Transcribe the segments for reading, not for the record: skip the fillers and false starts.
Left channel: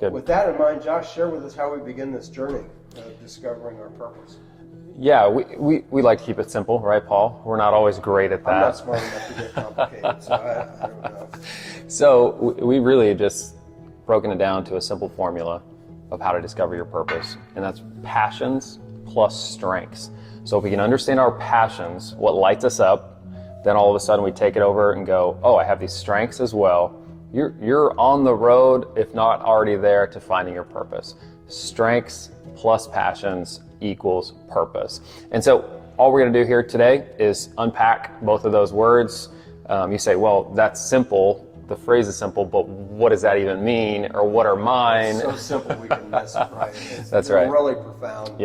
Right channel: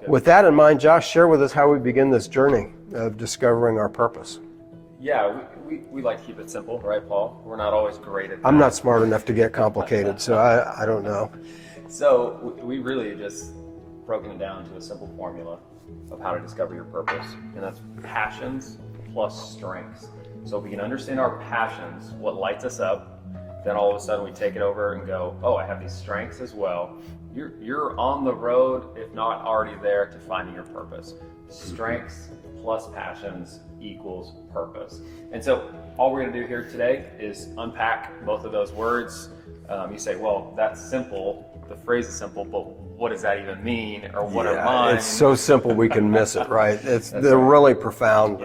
With that in mind, Josh, share with us how we begin this journey of discovering our purpose. Yeah, we like to keep it simple, right, Paul? We're not always great at that. I'm not smart enough to get complicated, so I don't know. So we really just broken it down to a simple formula of how to discover your purpose, and that's passions plus strengths. So if we can understand our passions, what lights us up, then all of a sudden we take it over and go, oh, I have these strengths as well. You're on the road, if not already there, to finding your purpose. Strengths plus passions equals purpose. And so all we're going to do here today is unpack both of those words. You say, well, that's simple. The phrase is simple, but what does that even mean, or what are mine? It's so simple we can miss it, right? They're right. really profound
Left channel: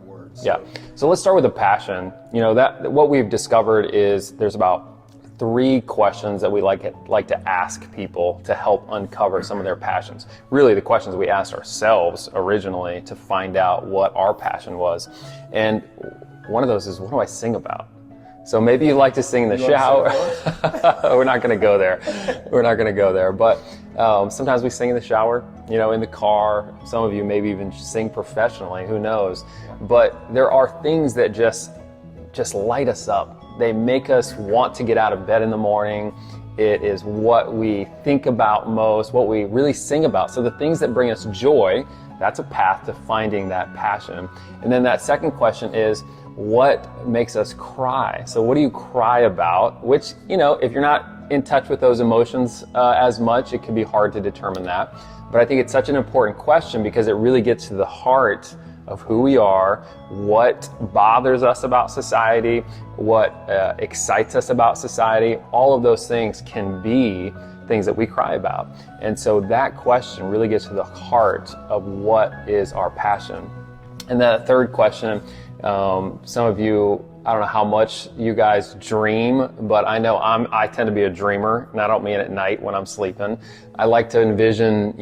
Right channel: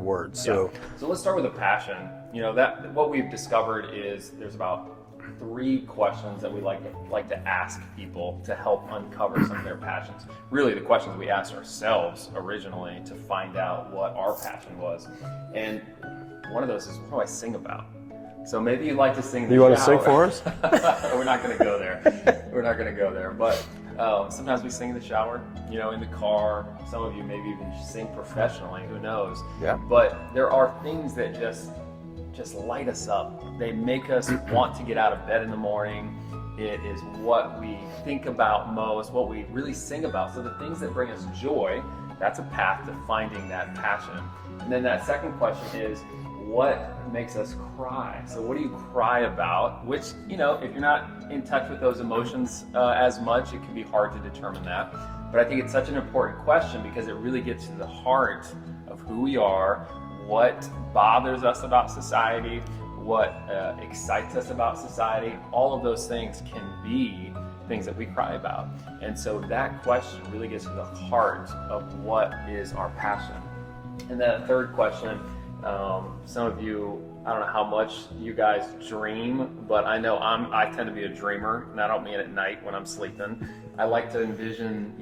words. So. Yeah. So let's start with the passion. That what we've discovered is there's about 3 questions that we like to ask people to help uncover some of their passions. Really, the questions we asked ourselves originally to find out what our passion was. And one of those is, what do I sing about? So maybe you like to sing in the shower. You want to sing for us? We're not going to go there. We're not going to go there. But sometimes we sing in the shower, in the car. Some of you maybe even sing professionally. Who knows? Yeah. But there are things that just light us up. They make us want to get out of bed in the morning. It is what we think about most, what we really sing about. So the things that bring us joy, that's a path to finding that passion. And then that second question is, what makes us cry? So what do you cry about? Which, if you're not in touch with those emotions as much, it can be hard to determine that. But I think it's such an important question because it really gets to the heart of who we are, what bothers us about society, what excites us about society. All of those things can be things that we cry about. And so that question really gets to the heart of what is our passion. And that third question, some of you, I don't know how much you guys dream, but I know I tend to be a dreamer, and I don't mean at night when I'm sleeping. I like to envision,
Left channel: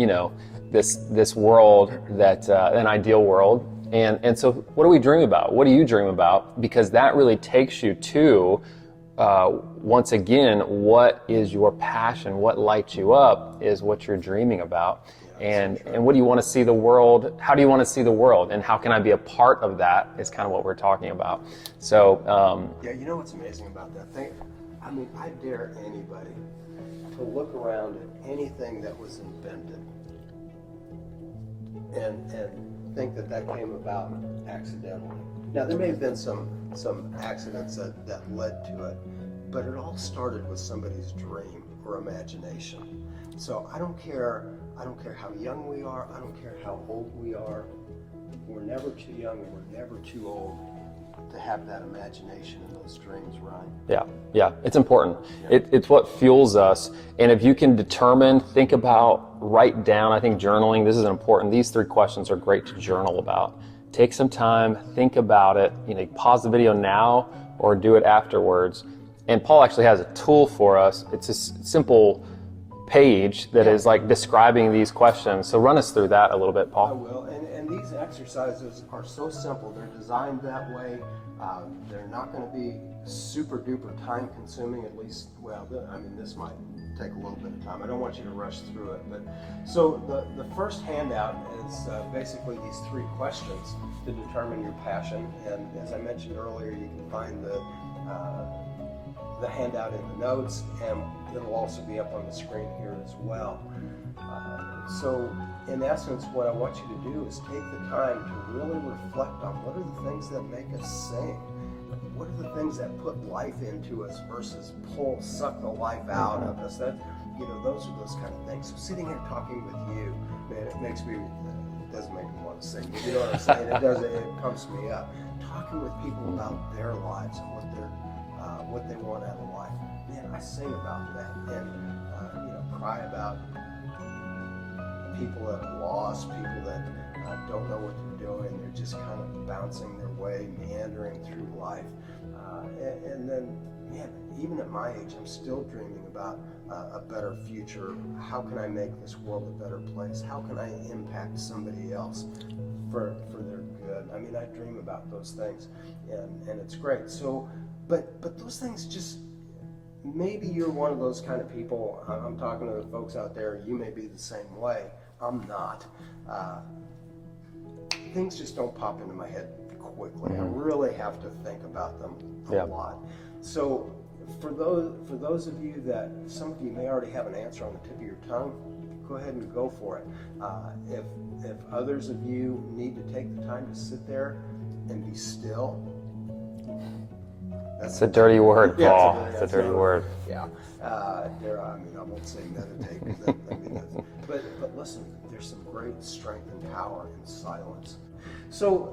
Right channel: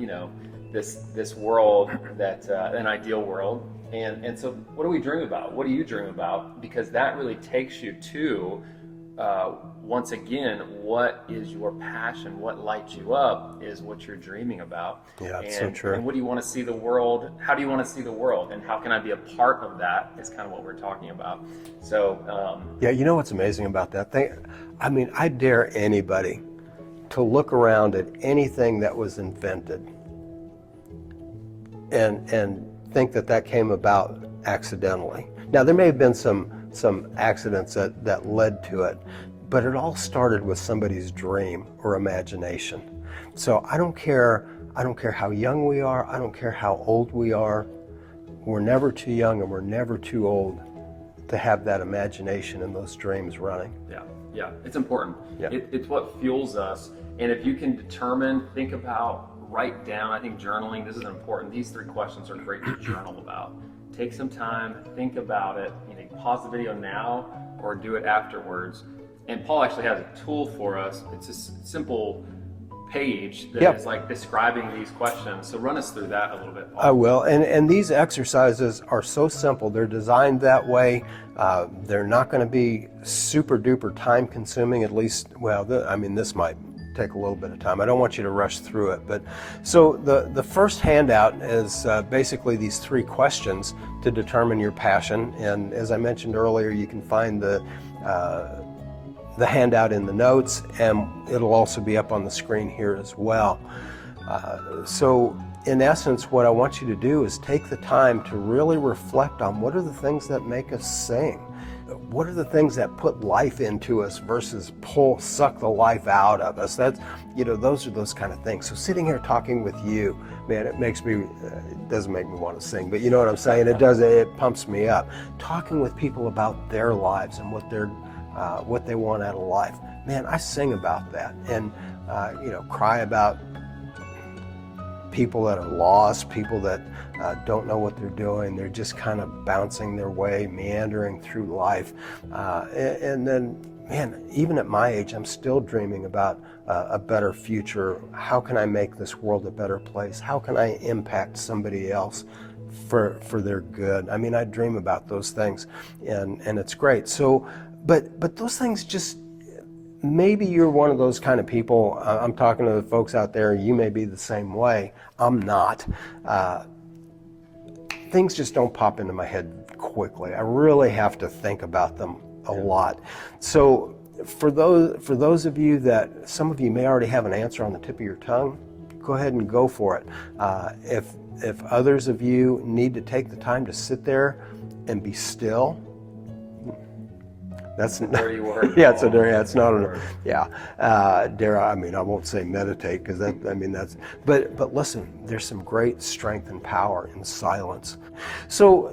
this world that an ideal world. And so what do we dream about? What do you dream about? Because that really takes you to, once again, what is your passion? What lights you up is what you're dreaming about. Yeah, and, so true. And what do you want to see the world? How do you want to see the world? And how can I be a part of that is kind of what we're talking about. So, yeah, you know what's amazing about that thing? I dare anybody to look around at anything that was invented and think that came about accidentally. Now, there may have been some accidents that led to it, but it all started with somebody's dream or imagination. So I don't care how young we are, I don't care how old we are, we're never too young and we're never too old to have that imagination and those dreams running. Yeah, it's important. Yeah. It's what fuels us. And if you can determine, think about, write down, I think journaling, this is important. These 3 questions are great to journal about. Take some time, think about it, pause the video now or do it afterwards. And Paul actually has a tool for us. It's a simple page that is like describing these questions. So run us through that a little bit, Paul. I will. And these exercises are so simple. They're designed that way. They're not going to be super duper time consuming, at least, this might take a little bit of time. I don't want you to rush through it. But so the first handout is basically these 3 questions to determine your passion. And as I mentioned earlier, you can find the handout in the notes, and it'll also be up on the screen here as well. So in essence, what I want you to do is take the time to really reflect on what are the things that make us sing. What are the things that put life into us versus suck the life out of us? That's, those are those kind of things. So sitting here talking with you, man, it doesn't make me want to sing, but you know what I'm saying? It pumps me up. Talking with people about their lives and what they want out of life. Man, I sing about that and, cry about people that are lost, people that don't know what they're doing. They're just kind of bouncing their way, meandering through life. And then, man, even at my age, I'm still dreaming about a better future. How can I make this world a better place? How can I impact somebody else for their good? I dream about those things, and it's great. So, but those things maybe you're one of those kind of people. I'm talking to the folks out there, you may be the same way. I'm not. Things just don't pop into my head quickly. I really have to think about them a lot. So for those of you that, some of you may already have an answer on the tip of your tongue, go ahead and go for it. If others of you need to take the time to sit there and be still, that's a dirty word. Yeah, Paul. it's not a word. Yeah, I mean, I won't say meditate because that, I mean, that's. But listen, there's some great strength and power in silence. So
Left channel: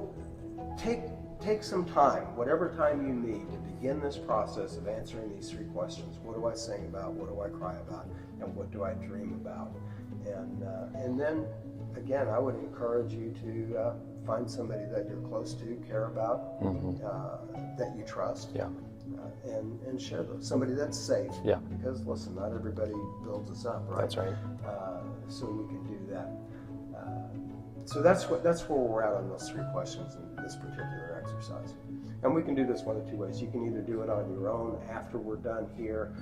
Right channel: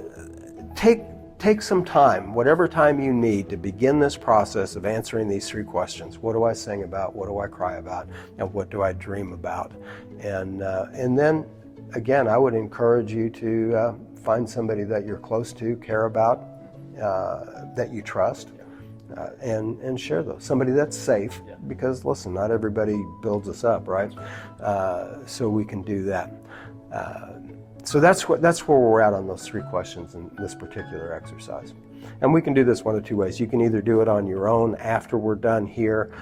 take some time, whatever time you need, to begin this process of answering these 3 questions. What do I sing about? What do I cry about? And what do I dream about? And then, again, I would encourage you to find somebody that you're close to, care about, that you trust, and share those. Somebody that's safe, because listen, not everybody builds us up, right? That's right. So we can do that. So that's where we're at on those 3 questions in this particular exercise. And we can do this one of 2 ways. You can either do it on your own after we're done here,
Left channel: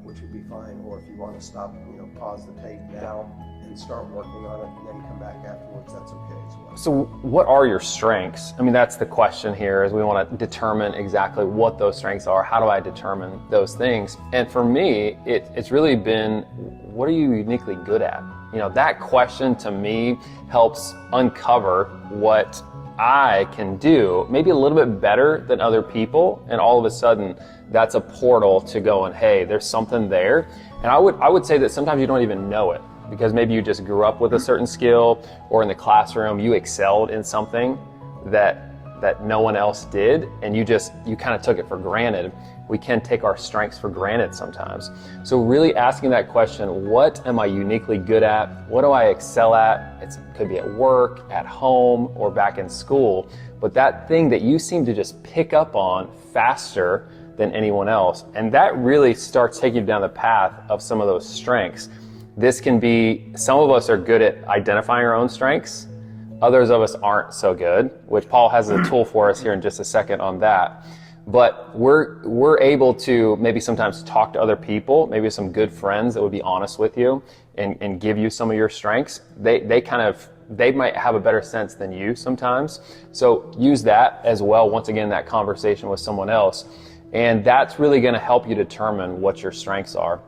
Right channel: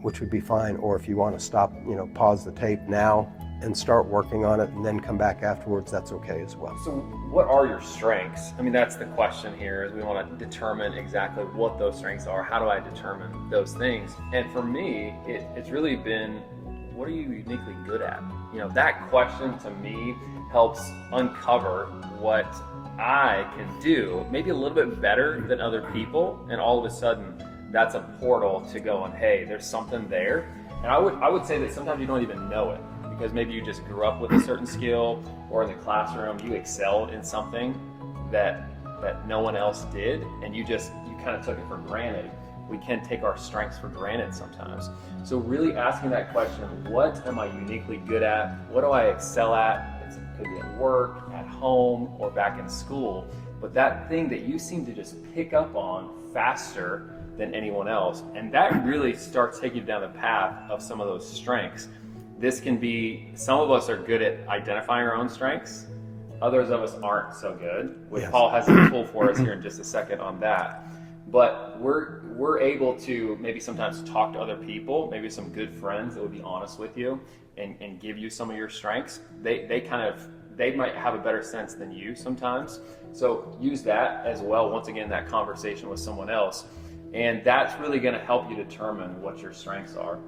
which would be fine, or if you want to stop, pause the tape now and start working on it and then come back afterwards, that's okay as well. So what are your strengths? I mean, that's the question here, is we want to determine exactly what those strengths are. How do I determine those things? And for me, it's really been, what are you uniquely good at? That question to me helps uncover what I can do, maybe a little bit better than other people, and all of a sudden that's a portal to going, hey, there's something there. And I would say that sometimes you don't even know it, because maybe you just grew up with a certain skill, or in the classroom you excelled in something that no one else did, and you kind of took it for granted. We can take our strengths for granted sometimes. So really asking that question, what am I uniquely good at? What do I excel at? It could be at work, at home, or back in school. But that thing that you seem to just pick up on faster than anyone else, and that really starts taking you down the path of some of those strengths. This can be, some of us are good at identifying our own strengths. Others of us aren't so good, which Paul has a tool for us here in just a second on that. But we're able to maybe sometimes talk to other people, maybe some good friends that would be honest with you and give you some of your strengths. They might have a better sense than you sometimes. So use that as well. Once again, that conversation with someone else. And that's really going to help you determine what your strengths are.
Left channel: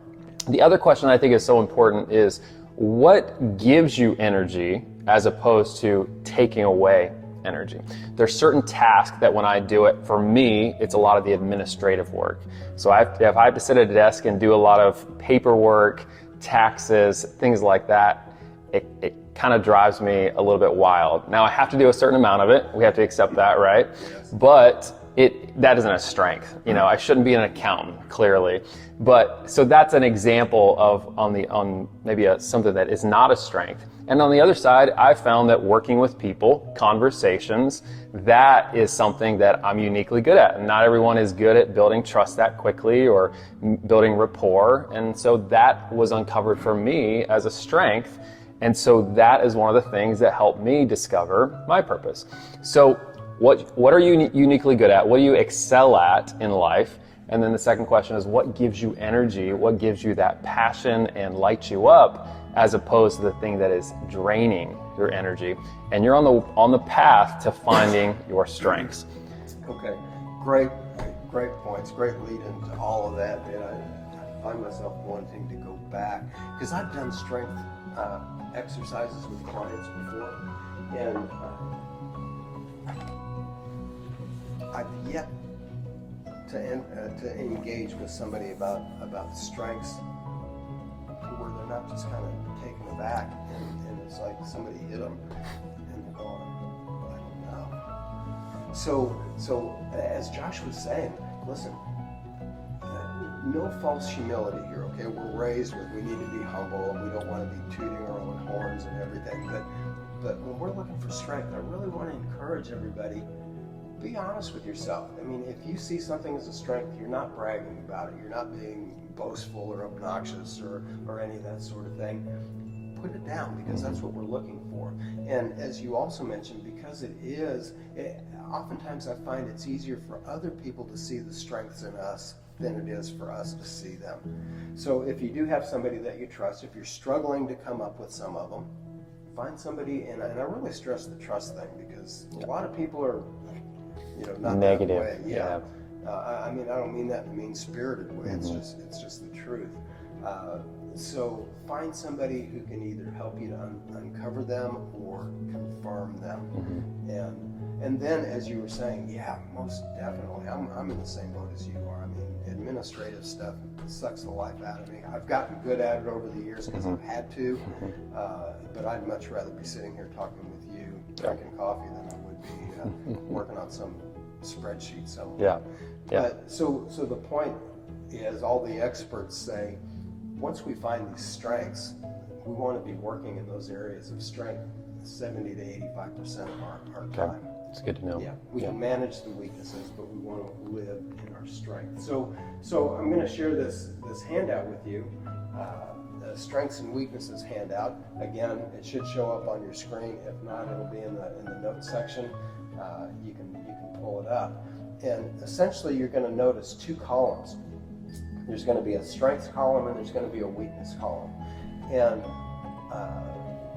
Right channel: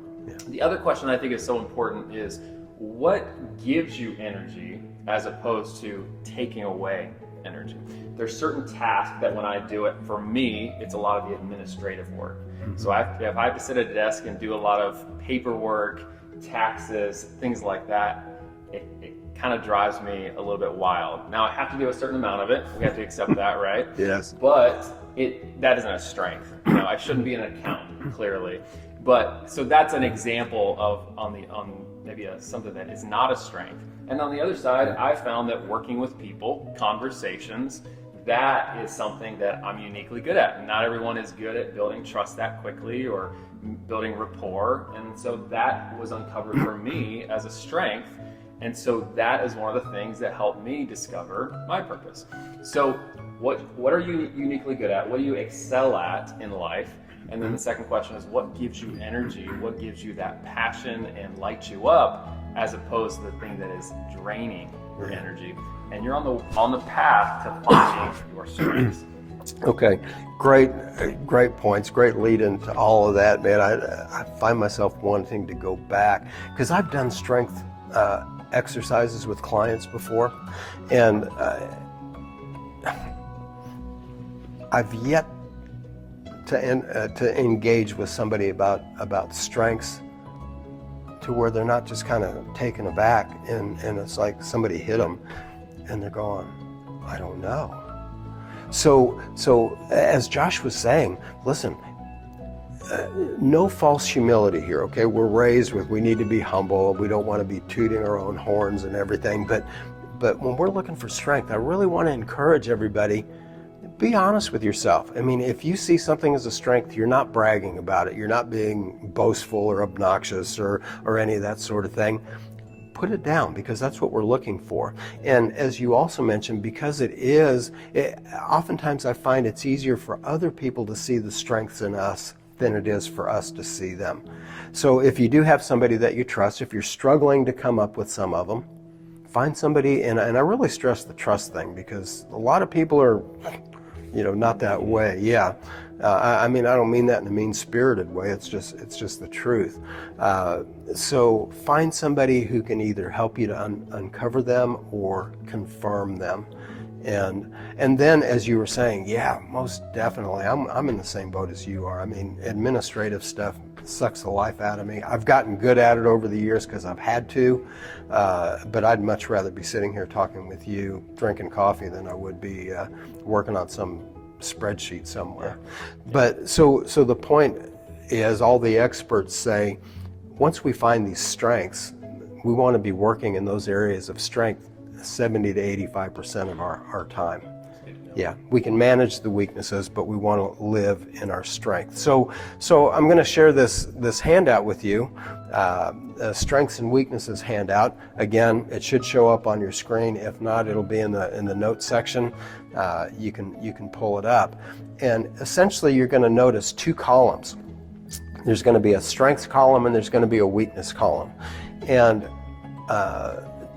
The other question I think is so important is, what gives you energy as opposed to taking away energy? There's certain tasks that when I do it, for me, it's a lot of the administrative work. So if I have to sit at a desk and do a lot of paperwork, taxes, things like that, it kind of drives me a little bit wild. Now I have to do a certain amount of it. We have to accept that, right? Yes. But that isn't a strength. I shouldn't be an accountant, clearly. But so that's an example of on maybe something that is not a strength. And on the other side, I found that working with people, conversations, that is something that I'm uniquely good at. And not everyone is good at building trust that quickly or building rapport. And so that was uncovered for me as a strength. And so that is one of the things that helped me discover my purpose. So what are you uniquely good at? What do you excel at in life? And then the second question is, what gives you energy? What gives you that passion and lights you up, as opposed to the thing that is draining your energy? And you're on the path to finding your strengths. Okay, great points, great lead into all of that, man. I find myself wanting to go back, because I've done strength exercises with clients before, and I've yet to engage with somebody about strengths to where they're not just kind of taken aback and it's like somebody hit them and they're going, I don't know. So as Josh was saying, listen, no false humility here, okay? We're raised with, we need to be humble, we don't want to be tooting our own horns and everything, but when we're looking for strength, I really want to encourage everybody, be honest with yourself. I mean, if you see something as a strength, you're not bragging about it, you're not being boastful or obnoxious or any of that sort of thing. Put it down, because that's what we're looking for. And as you also mentioned, because oftentimes I find it's easier for other people to see the strengths in us than it is for us to see them. So if you do have somebody that you trust, if you're struggling to come up with some of them, find somebody, and I really stress the trust thing, because a lot of people are, not that way. Yeah. I mean, I don't mean that in a mean-spirited way. It's just the truth. So find somebody who can either help you to uncover them or confirm them. And then, as you were saying, yeah, most definitely, I'm in the same boat as you are. I mean, administrative stuff sucks the life out of me. I've gotten good at it over the years because I've had to, but I'd much rather be sitting here talking with you, drinking coffee, than I would be working on some spreadsheet somewhere. But so the point is, all the experts say, once we find these strengths, we want to be working in those areas of strength 70 to 85% of our time. It's good to know. Yeah, we can manage the weaknesses, but we want to live in our strength. So I'm going to share this handout with you, strengths and weaknesses handout. Again, it should show up on your screen. If not, it'll be in the notes section. You can pull it up, and essentially you're going to notice two columns. There's going to be a strengths column and there's going to be a weakness column, and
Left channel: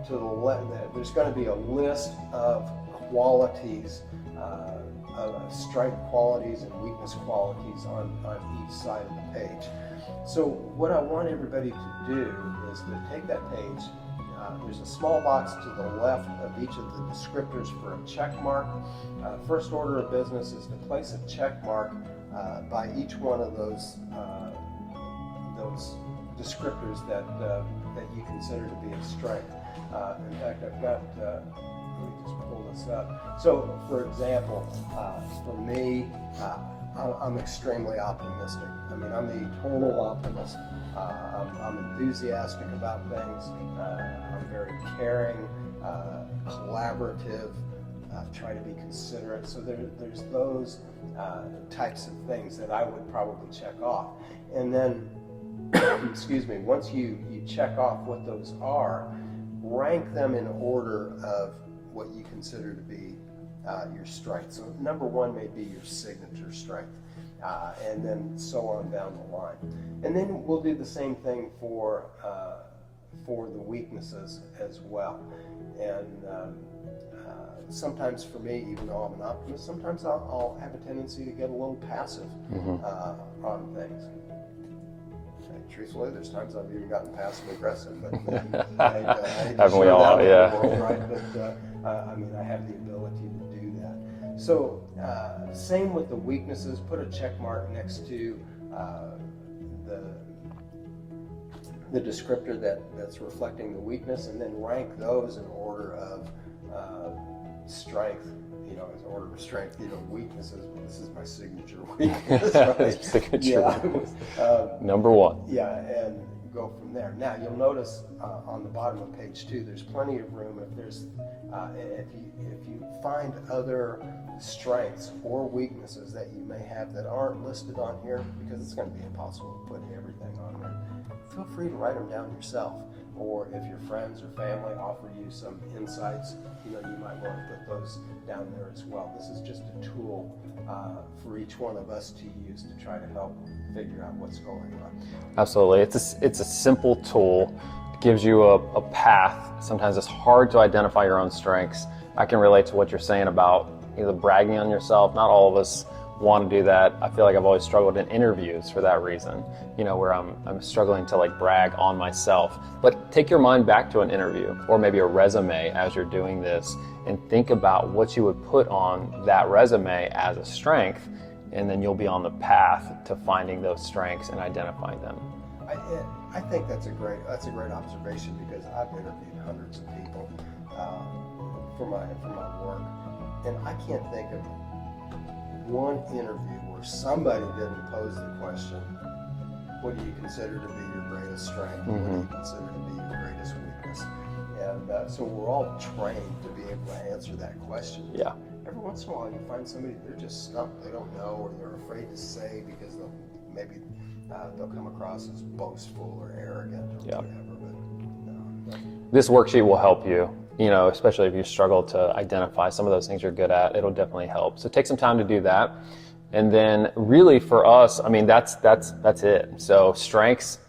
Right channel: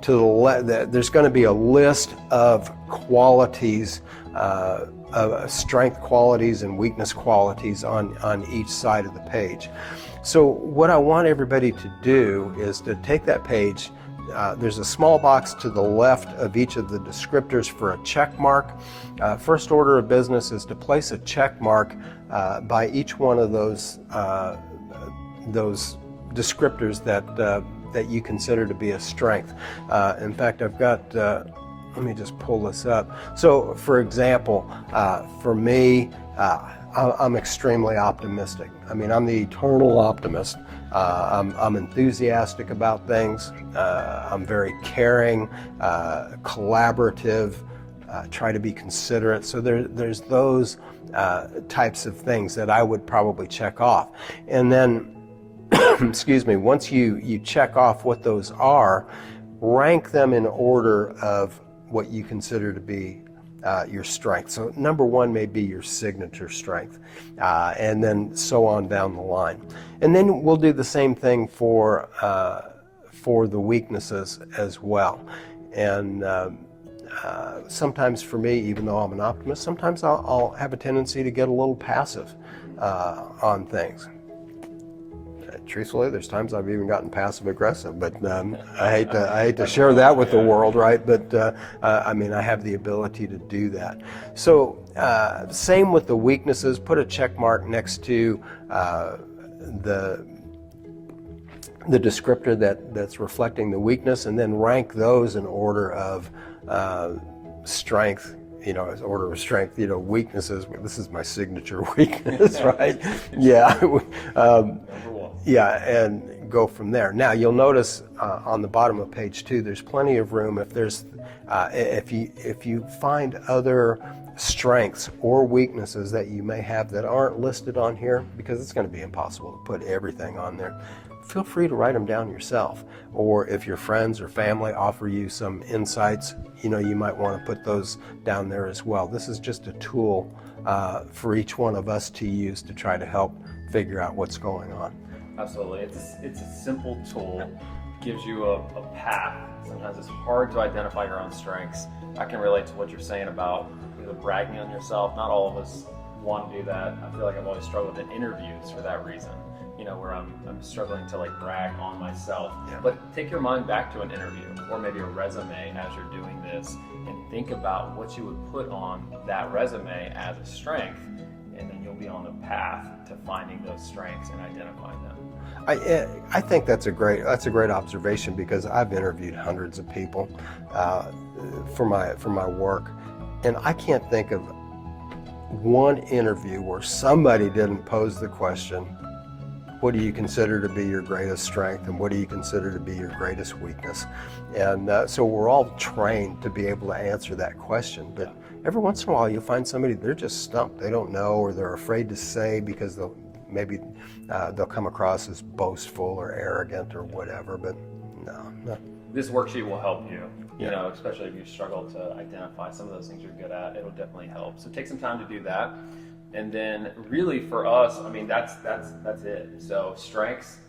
to the left, there's going to be a list of qualities, strength qualities and weakness qualities on each side of the page. So what I want everybody to do is to take that page. There's a small box to the left of each of the descriptors for a check mark. First order of business is to place a check mark by each one of those descriptors that you consider to be a strength. In fact, I've got, let me just pull this up. So for example, for me, I'm extremely optimistic. I mean, I'm the eternal optimist. I'm enthusiastic about things. I'm very caring, collaborative, try to be considerate. So there's those types of things that I would probably check off. And then, excuse me, once you check off what those are, rank them in order of what you consider to be your strength. So number one may be your signature strength, and then so on down the line. And then we'll do the same thing for the weaknesses as well. And sometimes for me, even though I'm an optimist, sometimes I'll have a tendency to get a little passive on things. Truthfully, there's times I've even gotten passive aggressive, but I hate to share that with the world, right? But I mean, I have the ability to do that. So same with the weaknesses. Put a check mark next to the descriptor that's reflecting the weakness, and then rank those in order of strength. As order of strength, weaknesses. This is my signature weakness, right? Yeah. Number one. Yeah, and go from there. Now you'll notice on the bottom of page 2, there's plenty of room. If you find other strengths or weaknesses that you may have that aren't listed on here, because it's going to be impossible to put everything on there, feel free to write them down yourself. Or if your friends or family offer you some insights, you might want to put those down there as well. This is just a tool for each one of us to use to try to help figure out what's going on. Absolutely. It's a simple tool. It gives you a path. Sometimes it's hard to identify your own strengths. I can relate to what you're saying about either bragging on yourself. Not all of us want to do that. I feel like I've always struggled in interviews for that reason, where I'm struggling to brag on myself. Yeah. But take your mind back to an interview or maybe a resume as you're doing this, and think about what you would put on that resume as a strength, and then you'll be on the path to finding those strengths and identifying them. I think that's a great observation, because I've interviewed hundreds of people for my work, and I can't think of one interview where somebody didn't pose the question, what do you consider to be your greatest strength, and what do you consider to be your greatest weakness? And so we're all trained to be able to answer that question. Yeah. Every once in a while you'll find somebody, they're just stumped. They don't know, or they're afraid to say because they'll come across as boastful or arrogant or whatever, but no. This worksheet will help you, especially if you struggle to identify some of those things you're good at. It'll definitely help. So take some time to do that. And then really for us, I mean, that's it. So strengths,